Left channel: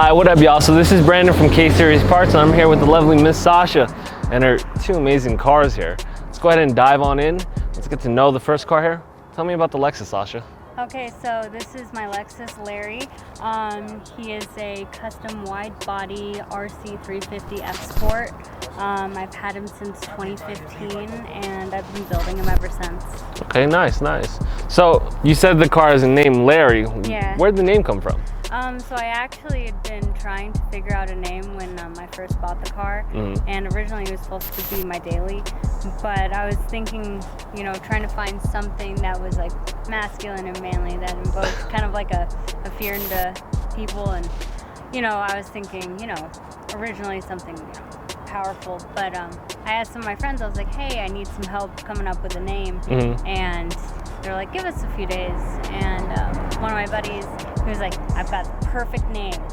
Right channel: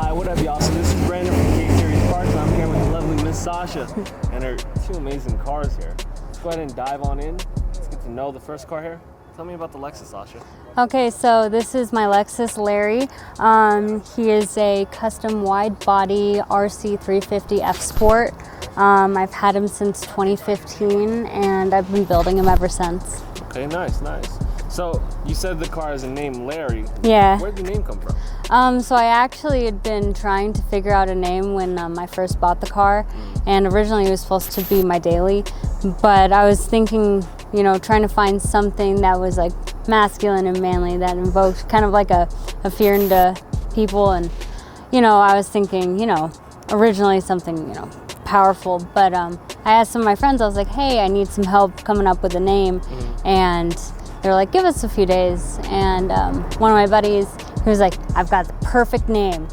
Hi, what up, y'all? So this is Brandon from K-Series Parts, and I'm here with the lovely Miss Sasha and her two amazing cars here. Let's go ahead and dive on in. Let's get to know the first car here. Tell me about the Lexus, Sasha. Okay, so this is my Lexus Larry. He is a custom wide body RC 350 F Sport. I've had him since 2015 and I've been building him ever since. Okay, nice. So you said the car is named Larry. Yeah. Where'd the name come from? So I actually had been trying to figure out a name when I first bought the car, and originally it was supposed to be my daily, but I was thinking, trying to find something that was like masculine and manly, that invoked kind of like a fear into people, and I was thinking, originally something, powerful, but I asked some of my friends, I was like, hey, I need some help coming up with a name, and they're like, give us a few days, and one of my buddies, he was like, I've got the perfect name.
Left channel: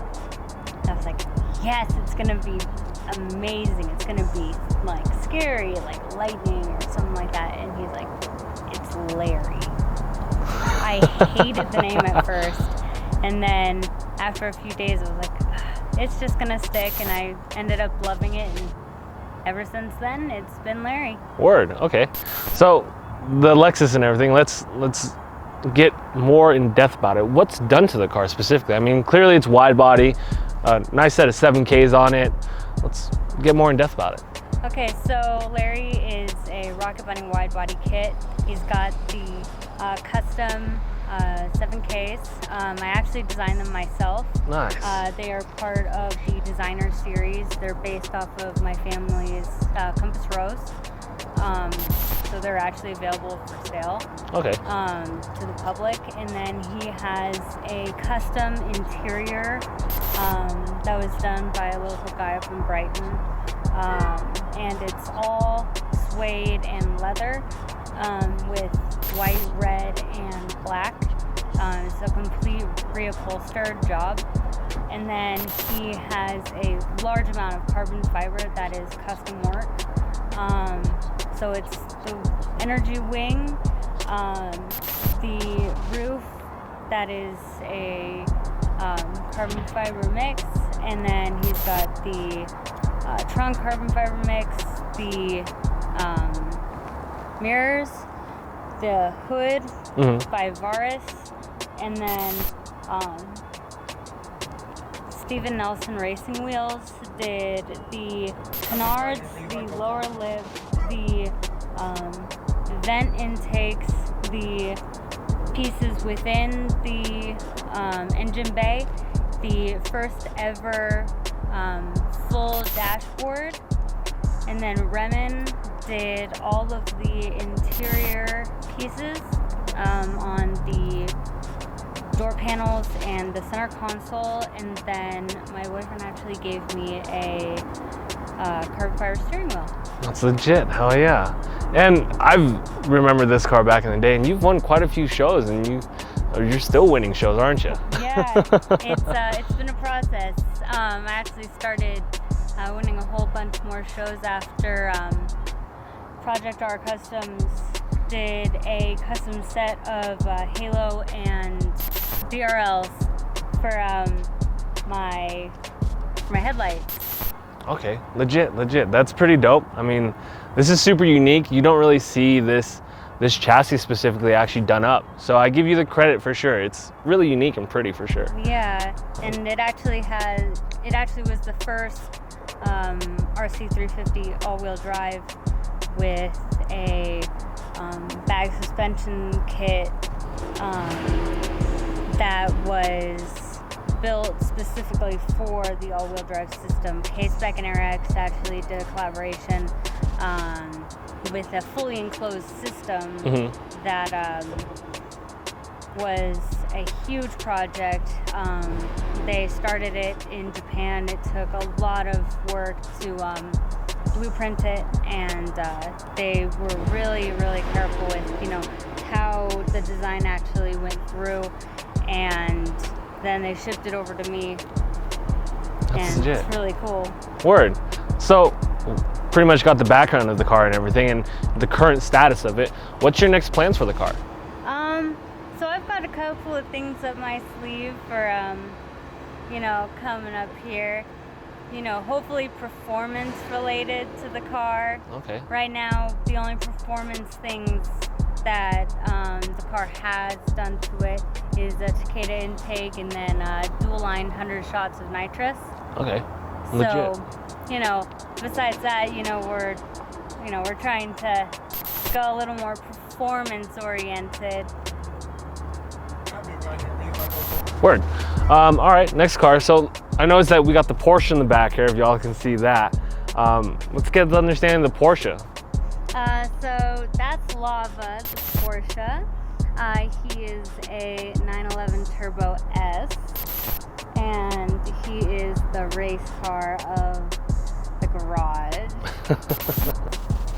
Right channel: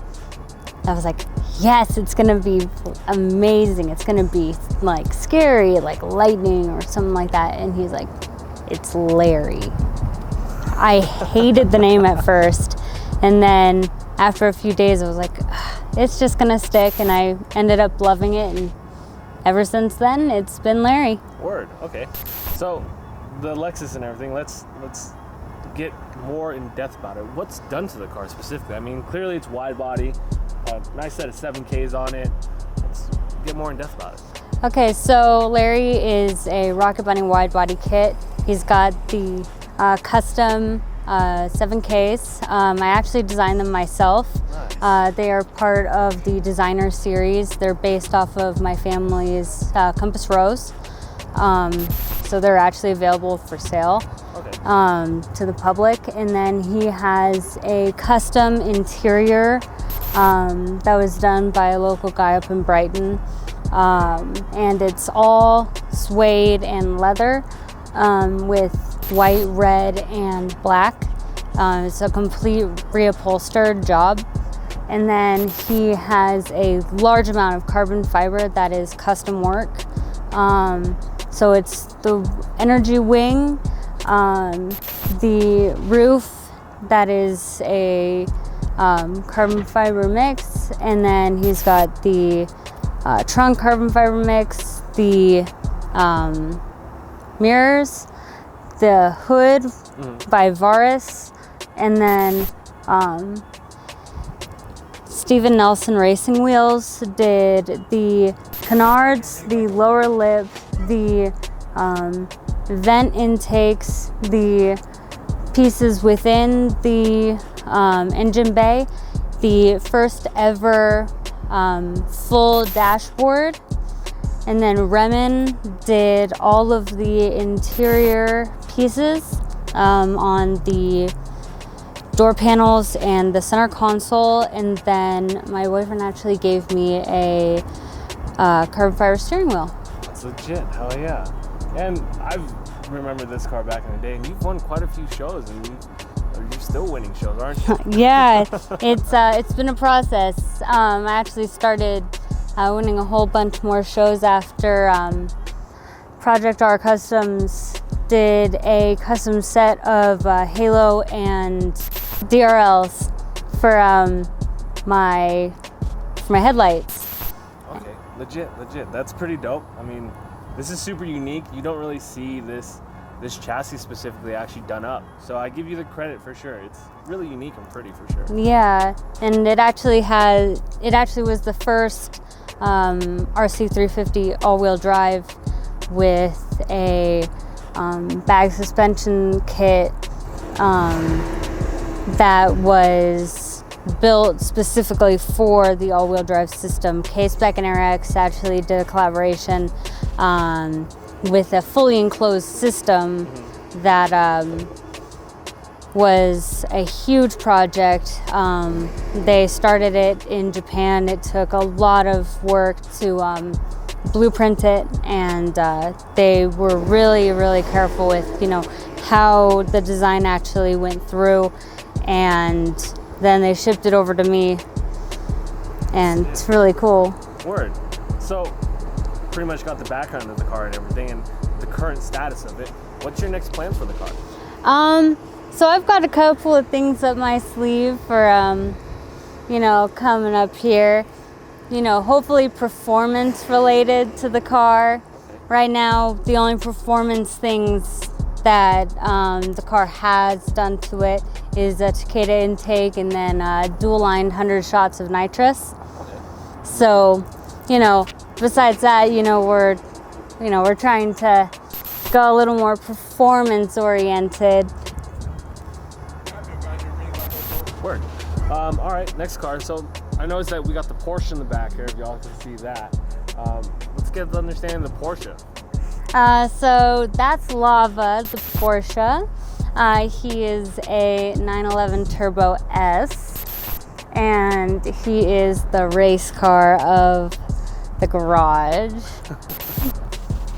I was like, yes, it's gonna be amazing. It's gonna be like scary, like lightning or something like that. And he's like, it's Larry. I hated the name at first. And then after a few days, I was like, it's just gonna stick. And I ended up loving it. And ever since then, it's been Larry. Word, okay. So the Lexus and everything, let's get more in depth about it. What's done to the car specifically? I mean, clearly it's wide body, nice set of 7Ks on it. Let's get more in depth about it. Okay, so Larry is a Rocket Bunny wide body kit. He's got the custom 7Ks. I actually designed them myself. Nice. They are part of the designer series. They're based off of my family's Compass Rose. So they're actually available for sale to the public. And then he has a custom interior that was done by a local guy up in Brighton. And it's all suede and leather with white, red, and black. It's a complete reupholstered job. And then he has a large amount of carbon fiber that is custom work. So it's the energy wing, the roof that is a carbon fiber mix, and then he's got the trunk carbon fiber mix, the mirrors, the hood by Varis, and then Steven Nelson Racing Wheels did the canards, the lower lip, the vent intakes, the pieces within the engine bay, the first ever full dashboard, and then Remen did all of the interior pieces on the door panels and the center console, and then my boyfriend actually gave me a carbon fiber steering wheel. That's legit, hell yeah. And I remember this car back in the day, and you've won quite a few shows, and you're still winning shows, aren't you? Yeah, it's been a process. I actually started winning a whole bunch more shows after Project R Customs did a custom set of Halo and DRLs for my headlights. Okay, legit. That's pretty dope. I mean, this is super unique. You don't really see this chassis specifically actually done up. So I give you the credit for sure. It's really unique and pretty for sure. Yeah, and it actually was the first RC 350 all-wheel drive with a bag suspension kit that was built specifically for the all-wheel drive system. K-Spec and AirX actually did a collaboration with a fully enclosed system that was a huge project. They started it in Japan. It took a lot of work to blueprint it, and they were really, really careful with how the design actually went through, and then they shipped it over to me, and it's really cool. Word. So pretty much got the background of the car and everything and the current status of it. What's your next plans for the car? So I've got a couple of things up my sleeve for you know, coming up here. You know, hopefully performance related to the car. Okay. Right now, the only performance things that the car has done to it is a Takeda intake and then dual-lined 100 shots of nitrous. Okay. So, you know, besides that, you know, we're trying to go a little more performance oriented. Word. All right, next car. So I noticed that we got the Porsche in the back here, if y'all can see that. Let's get the understanding of the Porsche. So that's Lava, the Porsche. He is a 911 Turbo S, and he is the race car of the garage.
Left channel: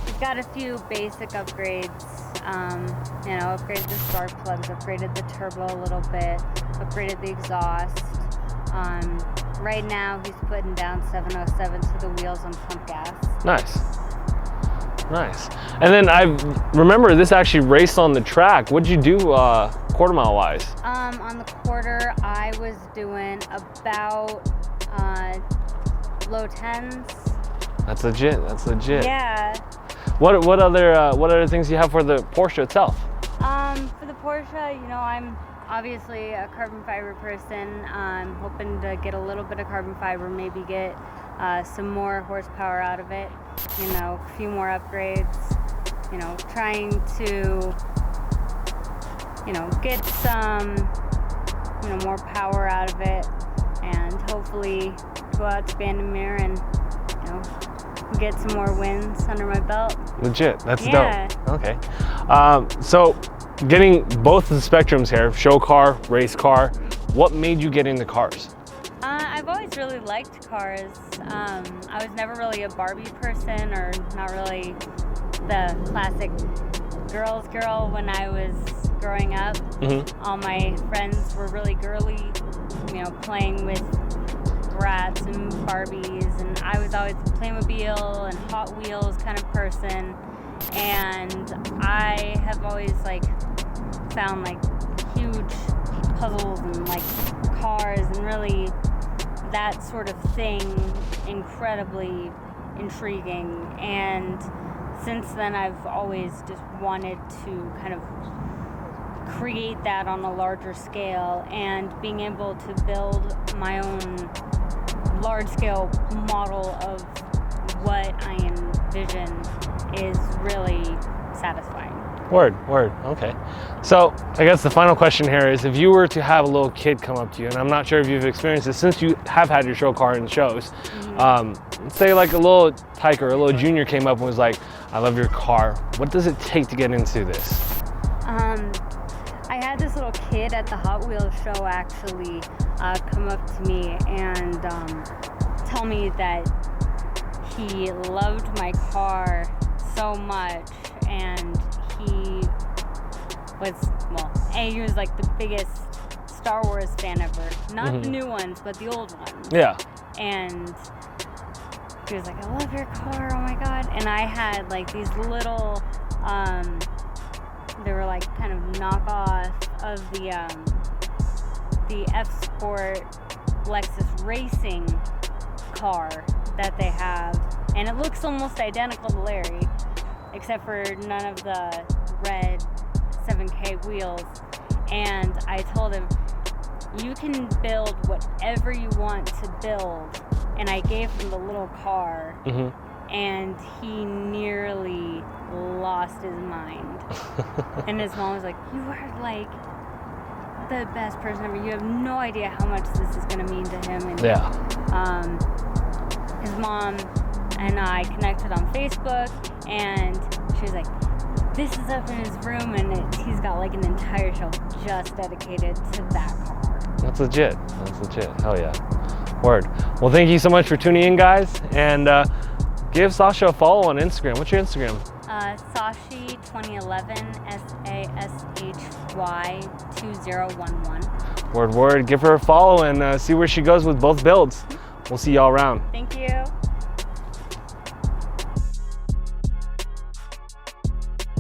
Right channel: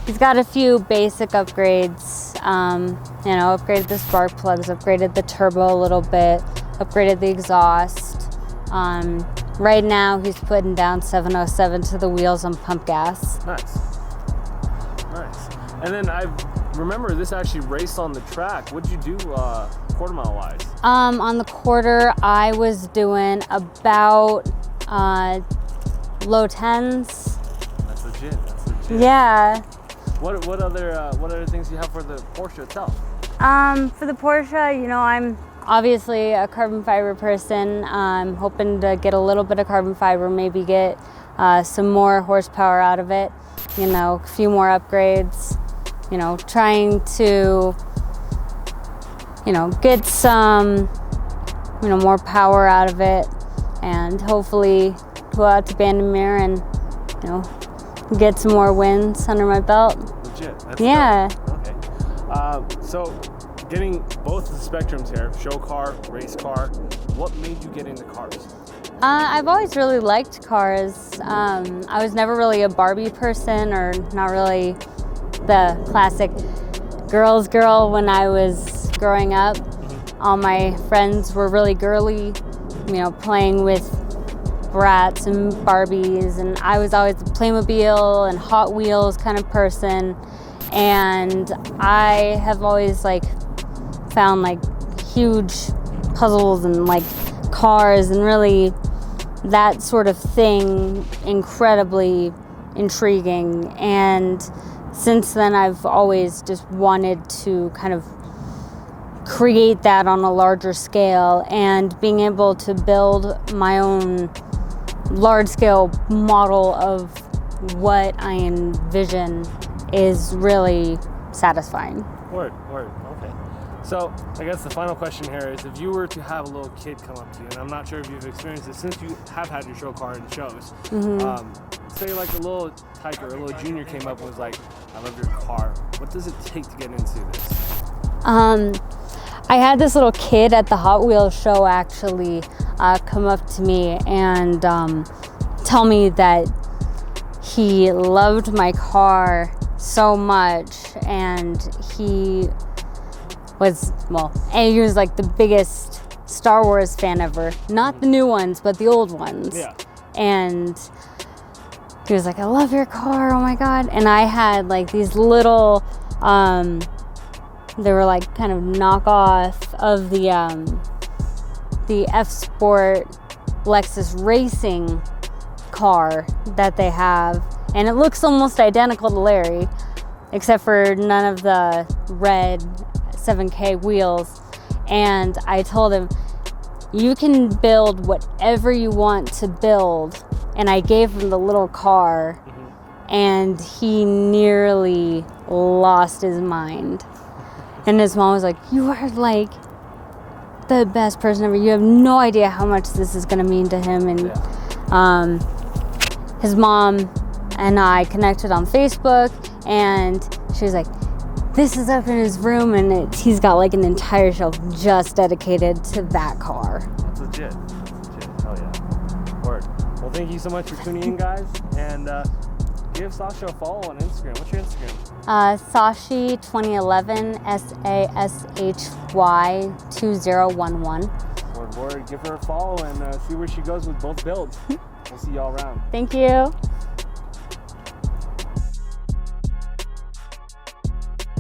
He's got a few basic upgrades. You know, upgraded the spark plugs, upgraded the turbo a little bit, upgraded the exhaust. Right now, he's putting down 707 to the wheels on pump gas. Nice. Nice. And then I remember this actually raced on the track. What'd you do quarter mile wise? On the quarter, I was doing about low 10s. That's legit. That's legit. Yeah. What other things do you have for the Porsche itself? For the Porsche, you know, I'm obviously a carbon fiber person. I'm hoping to get a little bit of carbon fiber, maybe get some more horsepower out of it, you know, a few more upgrades, you know, trying to, you know, get some, you know, more power out of it, and hopefully go out to Bandimere and, you know, get some more wins under my belt. Legit. That's yeah. dope. Okay. So getting both the spectrums here, show car, race car, what made you get into cars? I've always really liked cars. I was never really a Barbie person, or not really the classic girl's girl when I was growing up. Mm-hmm. All my friends were really girly, you know, playing with Bratz and Barbies, and I was always a Playmobil and Hot Wheels kind of person. And I have always like found like huge puzzles and like cars and really that sort of thing incredibly intriguing. And since then, I've always just wanted to kind of create that on a larger scale, and being able to build my own large-scale model of what I envision is really satisfying. Word, okay. So I guess the final question here is, if you were to have a little kid come up to you, and I'm not sure if you've experienced this since you have had your show car in shows, say like a little tyke or a little junior came up and was like, I love your car, what does it take to get into this? I had this little kid at the Hot Wheels show actually come up to me and tell me that he loved my car so much, and he was, well, he was like the biggest Star Wars fan ever. Not the new ones, but the old ones. Yeah. And he was like, I love your car, oh my God. And I had like these little, they were like kind of knockoff of the F-Sport Lexus racing car that they have. And it looks almost identical to Larry, except for none of the red 7K wheels. And I told him, you can build whatever you want to build. And I gave him the little car, and he nearly lost his mind. And his mom was like, you are like the best person ever. You have no idea how much this is gonna mean to him. And his mom and I connected on Facebook, and she was like, this is up in his room, and he's got like an entire shelf just dedicated to that car. That's legit. Hell yeah. Word. Well, thank you so much for tuning in, guys, and give Sasha a follow on Instagram. What's your Instagram? Sashi 2011, SASHY 2011. Word. Give her a follow and see where she goes with both builds. We'll see y'all around. Thank you.